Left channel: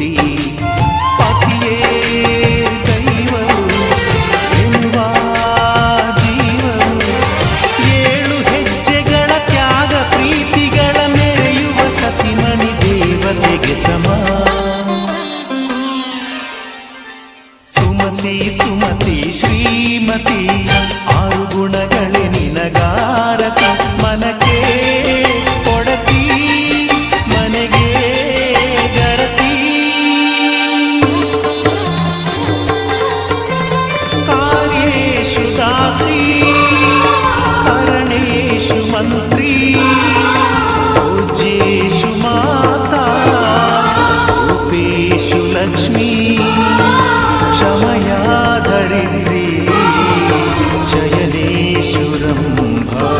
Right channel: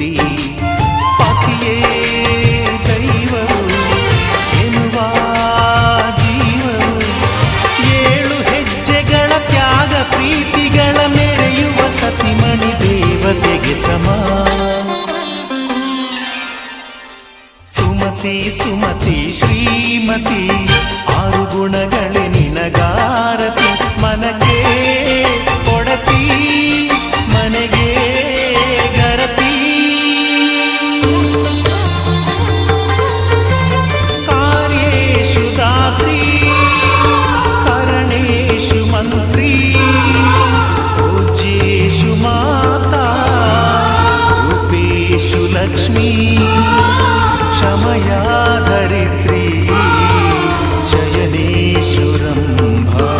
ಪ್ರೀತಿ ಪತಿಯೇ ದೈವವು ಎನ್ನುವ ಜೀವವು 7 ಹೆಜ್ಜೆಗಳ ತ್ಯಾಗ ಪ್ರೀತಿಗಳ ಮೆರೆಯುವ ಸತಿಮಣಿ ದೇವತೆಗೆ ಸಮ. ಸುಮತಿ ಸುಮತಿ ಶ್ರೀಮತಿ 6 ಗುಣಗಳೇ ನಿನಗಾರತಿ. ಮನಕ್ಕೆ ಕೊಡತಿ ಮನೆಗೆ ಗರತಿ. ಕಾರ್ಯೇಷು ದಾಸಿ ಕರಣೇಷು ಮಂತ್ರಿ. ಪೂಜ್ಯೇಷು ಮಾತಾ ರೂಪೇಷು ಲಕ್ಷ್ಮೀ. ಕ್ಷಮಯಾ ಧರಿತ್ರಿ ಶಯನೇಷು ರಂಭಾ.